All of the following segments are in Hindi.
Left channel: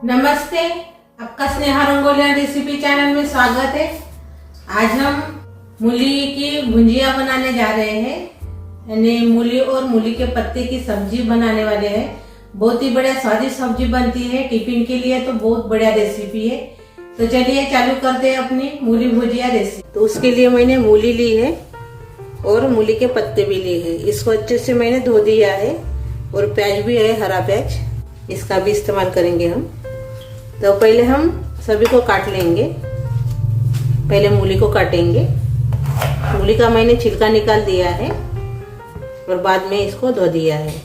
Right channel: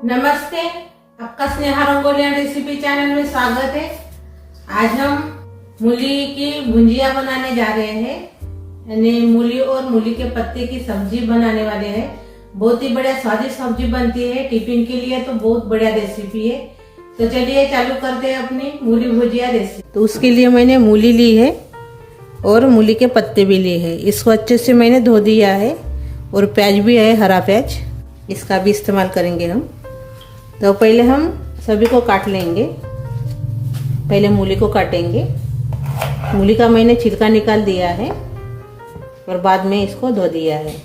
नमस्ते, आपका स्नेहा रंगोलिया रेसिपी चैनल में स्वागत है। आज हम मूली की भुंजिया बनाने जा रहे हैं, यानी मूली और मूली के पत्ते की सब्जी बनाने वाले हैं। बहुत ही बढ़िया स्वादिष्ट सब्जी बनती है, टिफिन के लिए तो बहुत बढ़िया रेसिपी है। तो चलिए चालू करते हैं अपनी मूली भुजिया रेसिपी। तो उसके लिए मैंने मूली ली है और मूली के पत्ते भी लिए हैं। इसको अच्छे से मैंने धो दिया है और प्याज भी है, हरा प्याज, इसका भी इस्तेमाल करेंगे हम। तो पहले हम सभी को काट लेंगे। पहले मूली को काटेंगे। मूली का मैंने छिलका निकाल दिया है और बाद में इसको धो दिया है।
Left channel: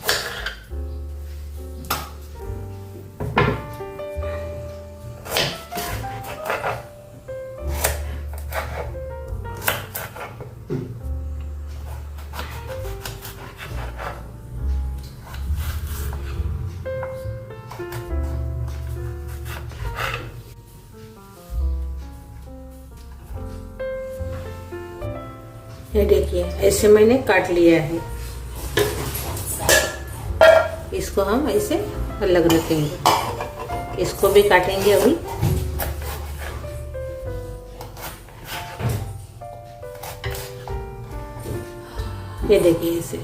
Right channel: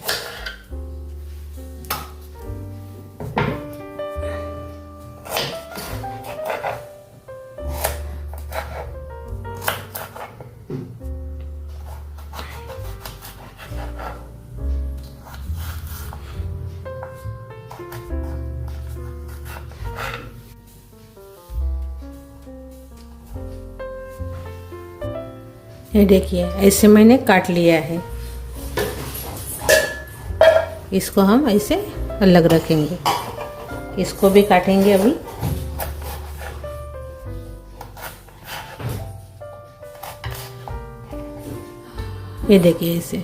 ये देखिए, ऐसे मैंने काट लिया है। इसको हम ऐसे अलग रखेंगे। इसको भी काटेंगे अभी। ये देखिए ऐसे।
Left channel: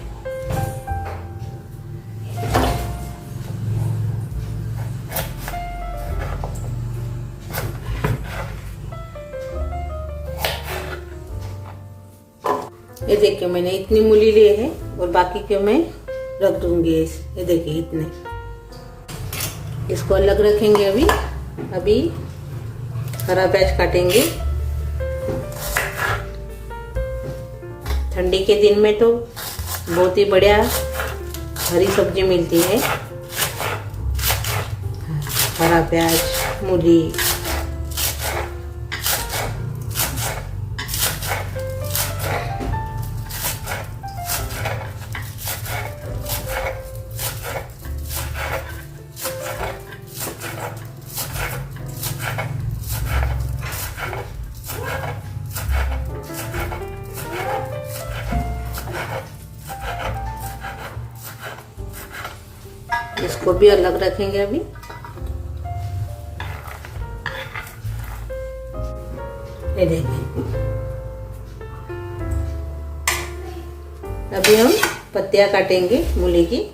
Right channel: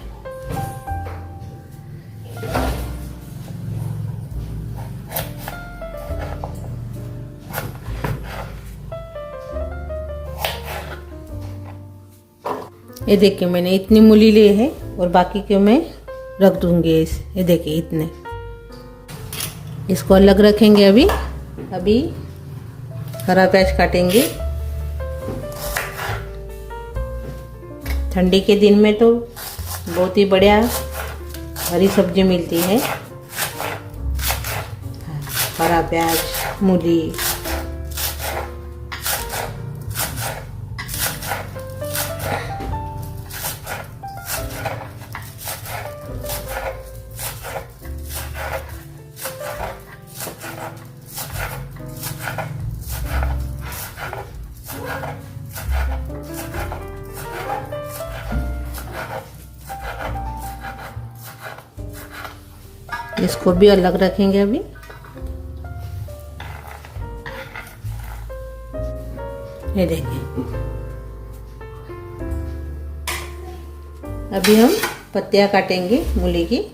ये देखिए, मैंने इतनी मूली ली है और बाकी के मैं रख दूंगी। ये देखिए इतने, इसको अलग रखेंगे। अभी हरा प्याज काटेंगे। ठंडी के दिन में तो बहुत ही बढ़िया हरी सब्जी मिलती है। हरा प्याज, मूली। इसको भी अलग रखेंगे अभी। ये देखिए, अभी हम पत्तियां काटेंगे मूली की।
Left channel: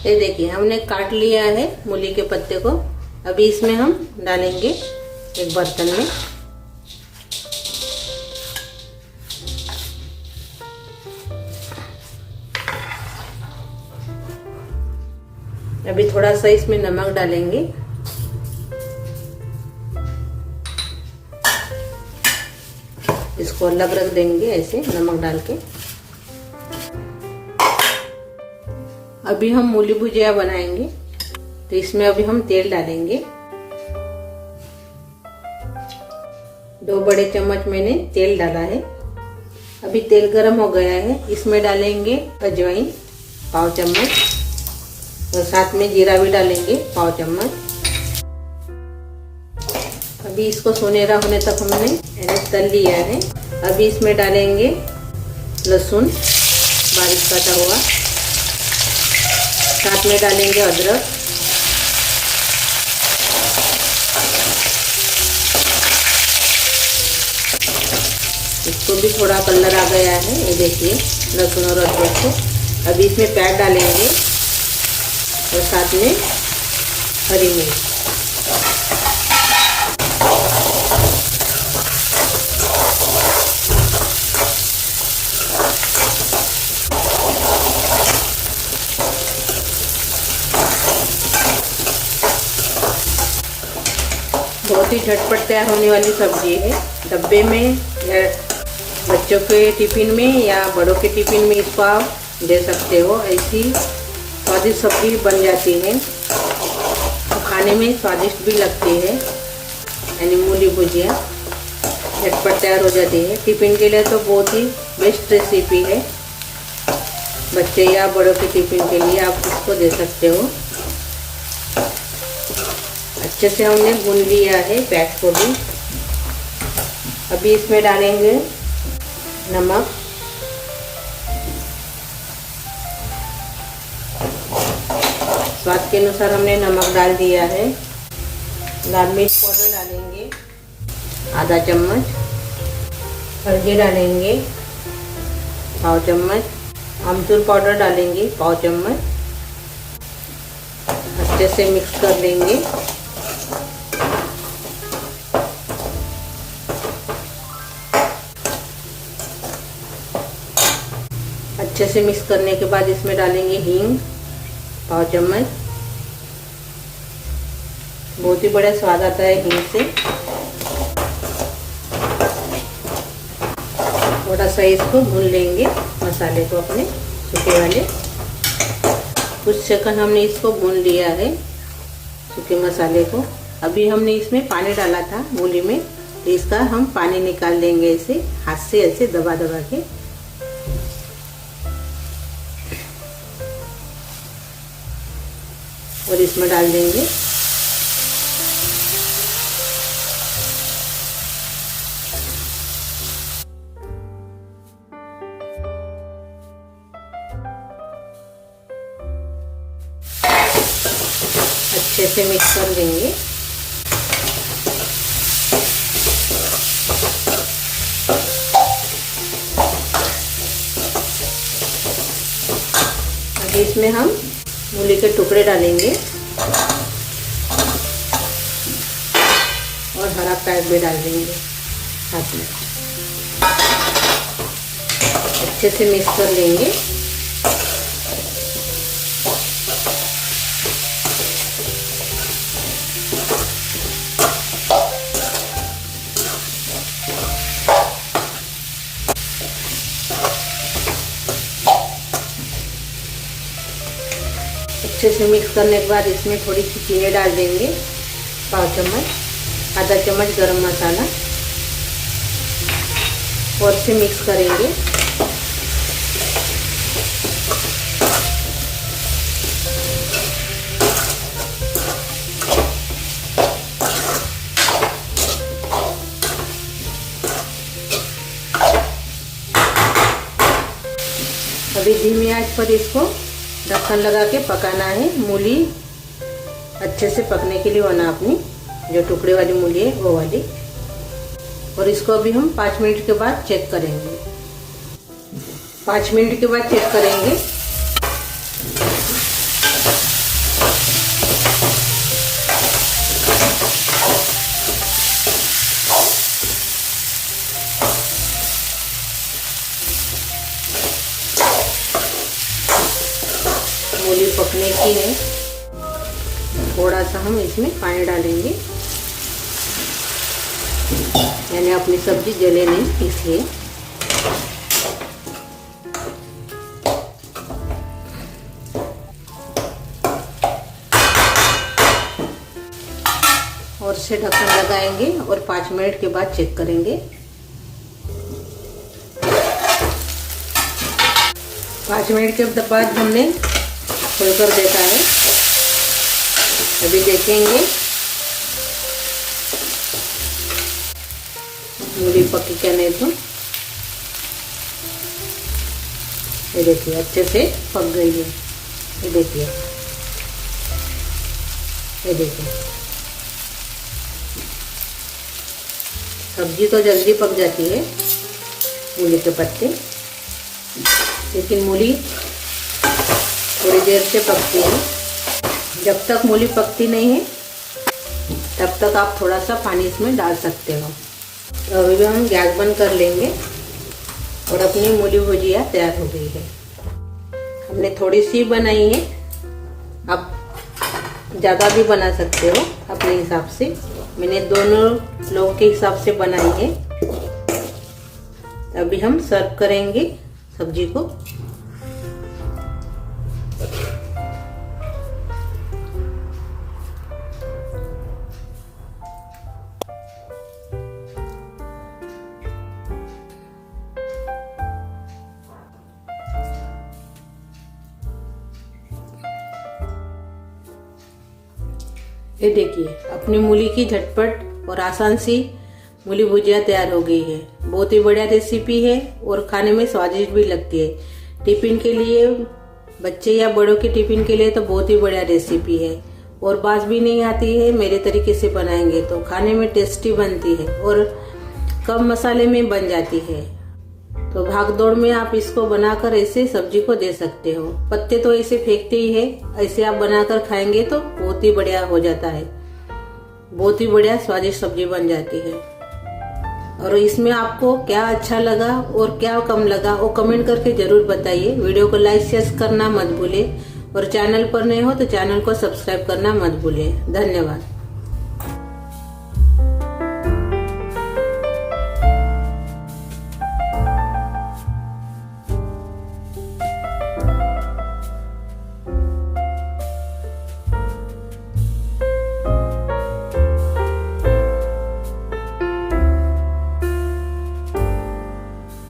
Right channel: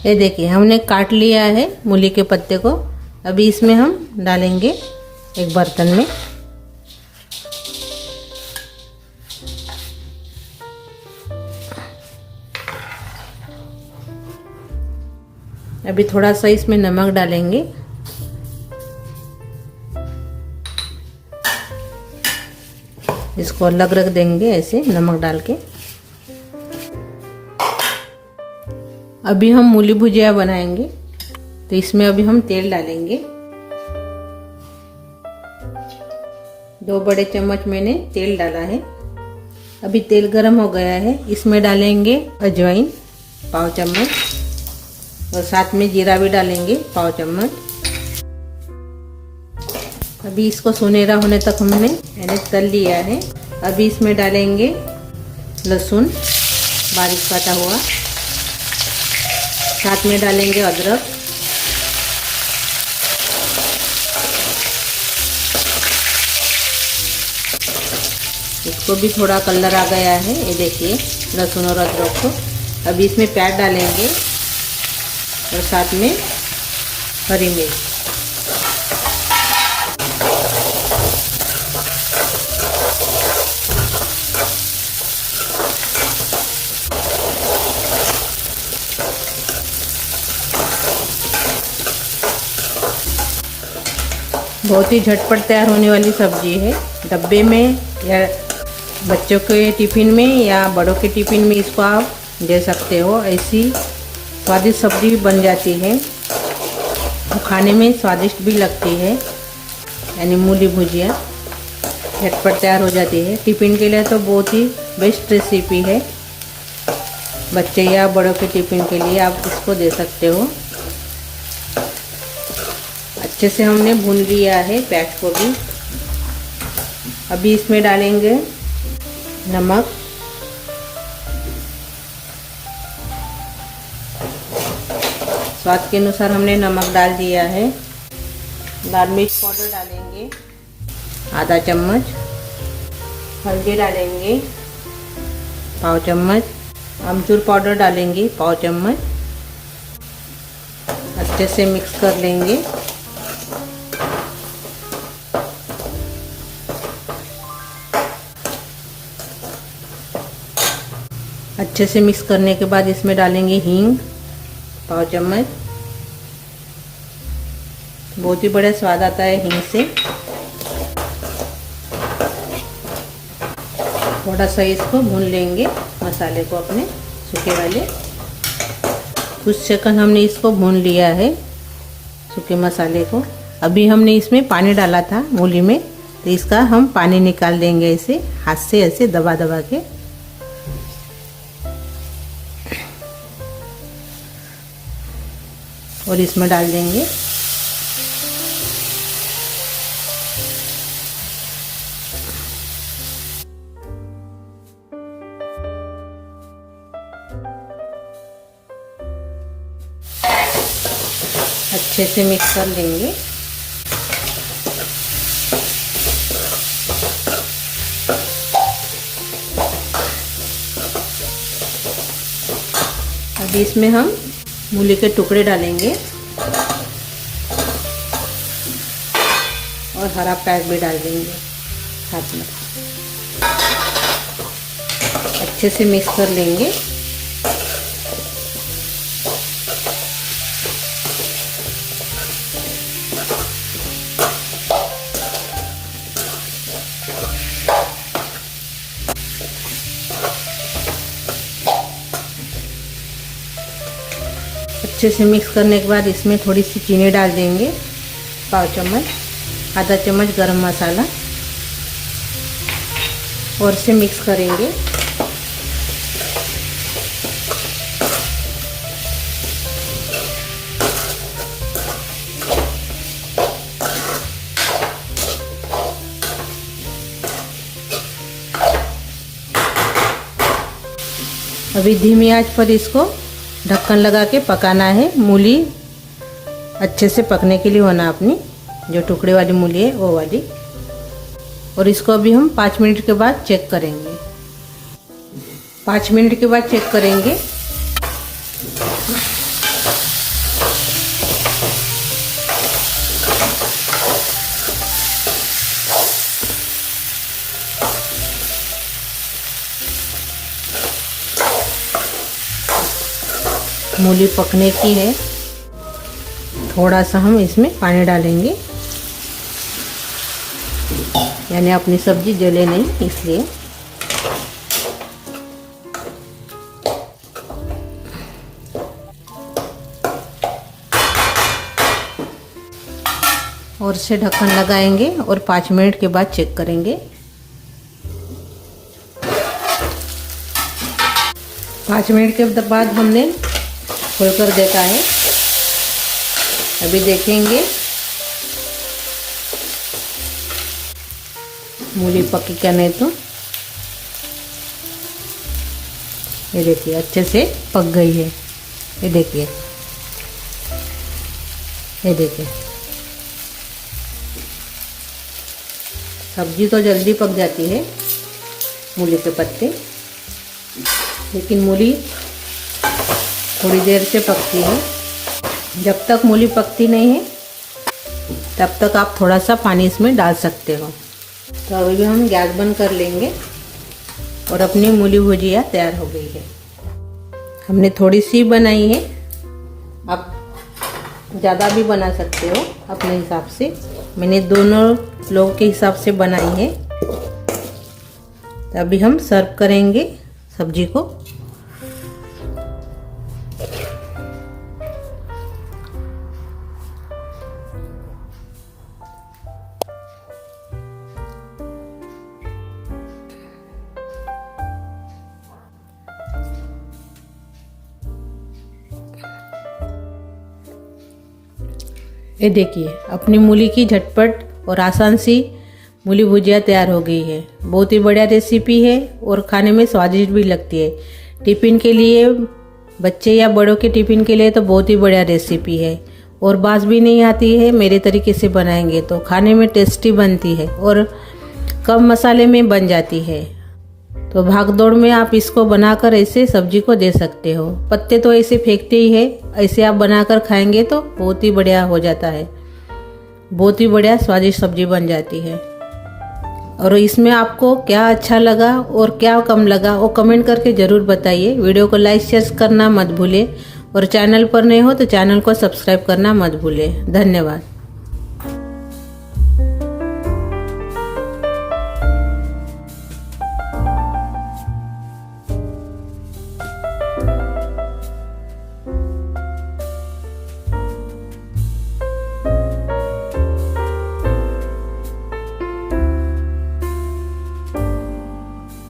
ये देखिए, हमने काट लिया है मूली के पत्ते को। अभी इसमें हम डालेंगे एक बर्तन में। अभी थोड़ा सा इसमें नमक डालेंगे। इसको अलग रख देंगे ऐसे नमक डाल के। अभी हम मूली भुजिया बनाएंगे, तो इसमें अभी हम तेल डालेंगे। 2 बड़े चम्मच मैंने तेल डाला है। अभी तेल गरम हो गया है। इसमें डालेंगे अजवाइन पाव चम्मच और साथ में जीरा भी डालेंगे पाव चम्मच। अभी इसको सुनहरा होने तक हमने तल लिया है। अभी इसमें डालेंगे लहसुन बारीक काटा हुआ, साथ में डालेंगे अदरक। इसको भी थोड़ा कलर आ गया है। ये देखिए लहसुन और अदरक को। अभी इसमें प्याज डालेंगे और साथ में हरी मिर्च। बहुत ही झटपट तैयार होने वाली सब्जी है। डब्बे में या बच्चों के टिफिन में या बड़ों के टिफिन में इसको आप दे सकते हो। ऐसी स्वादिष्ट सब्जी बन जाती है, तो खाने में स्वादिष्ट भी लगती है। यानी मूली भुजिया झटपट तैयार हो जाती है। टिफिन के लिए तो बहुत ही बेस्ट रेसिपी है। बच्चे या बड़ों के टिफिन के लिए आप इसको दे सकते हो। अच्छे से हमने भून लिया है प्याज को भी। अभी इसमें डालेंगे नमक, स्वाद के अनुसार हमने नमक डाल दिया है। लाल मिर्च पाउडर डालेंगे आधा चम्मच, हल्दी डालेंगे पाव चम्मच, अमचूर पाउडर डालेंगे पाव चम्मच। अच्छे से मिक्स कर लेंगे। अच्छे से मिक्स करने के बाद इसमें डालेंगे हींग पाव चम्मच। बहुत ही बढ़िया स्वाद आता है हींग से। थोड़ा सा इसको भून लेंगे मसाले को अपने सूखे वाले। कुछ सेकंड हमने इसको भून लिया है सूखे मसाले को। अभी हमने इसमें पानी डाला था मूली में, तो इसका हम पानी निकाल देंगे ऐसे हाथ से, ऐसे दबा दबा के। और इसमें डाल देंगे अच्छे से मिक्स कर लेंगे। अब इसमें हम मूली के टुकड़े डालेंगे और हरा प्याज भी डाल देंगे साथ में। अच्छे से मिक्स कर लेंगे। अच्छे से मिक्स करने के बाद इसमें थोड़ी सी चीनी डाल देंगे पाव चम्मच, आधा चम्मच गरम मसाला, और से मिक्स करेंगे। अभी धीमी आंच पर इसको ढक्कन लगा के पकाना है। मूली अच्छे से पकने के लिए होना अपनी, जो टुकड़े वाली मूली है वो वाली। और इसको अभी हम 5 मिनट के बाद चेक करेंगे। 5 मिनट के बाद चेक करेंगे। मूली पकने की है। थोड़ा सा हम इसमें पानी डालेंगे, यानी अपनी सब्जी जले नहीं, इसलिए। और से ढक्कन लगाएंगे और 5 मिनट के बाद चेक करेंगे। 5 मिनट के बाद हमने खोल कर देखा है। अभी देखेंगे मूली पकी क्या नहीं तो। ये देखिए अच्छे से पक गई है। ये देखिए, ये देखिए सब्जी तो जल्दी पक जाती है मूली के पत्ते, लेकिन मूली थोड़ी देर से पकती है। जब तक मूली पकती नहीं है तब तक आप थोड़ा सा पानी इसमें डाल सकते हो। तो अभी हम गैस बंद कर लेंगे और अपनी मूली भुजिया तैयार हो गई है। हमने थोड़ी सी बनाई है, आप ज़्यादा भी बना सकते हो अपने हिसाब से। मैंने दोनों लोगों के हिसाब से बनाई है। तो अभी हम सर्व करेंगे सब्जी को। ये देखिए अपनी मूली की झटपट और आसान सी मूली भुजिया तैयार हो गई है। बहुत ही बढ़िया रेसिपी है और खाने में स्वादिष्ट भी लगती है। टिफिन के लिए, बच्चे या बड़ों के टिफिन के लिए तो बहुत ही बढ़िया रेसिपी है और बास भी नहीं आती है। मेरे तरीके से बनाएंगे तो खाने में टेस्टी बनती है और कम मसाले में बन जाती है। तो भाग दौड़ में आप इसको बनाकर ऐसे सब्जी को दे सकते हो। पत्ते तो ऐसे फेंकते ही है, ऐसे आप बनाकर खाएंगे तो बहुत ही बढ़िया हो जाता है। बहुत ही बढ़िया स्वादिष्ट सब्जी बन जाती है। और इसमें आपको क्या अच्छा लगा और क्या कम लगा वो कमेंट करके जरूर बताइए। वीडियो को लाइक शेयर करना मत भूलें और चैनल पर नए हो तो चैनल को सब्सक्राइब करना मत भूलें। धन्यवाद।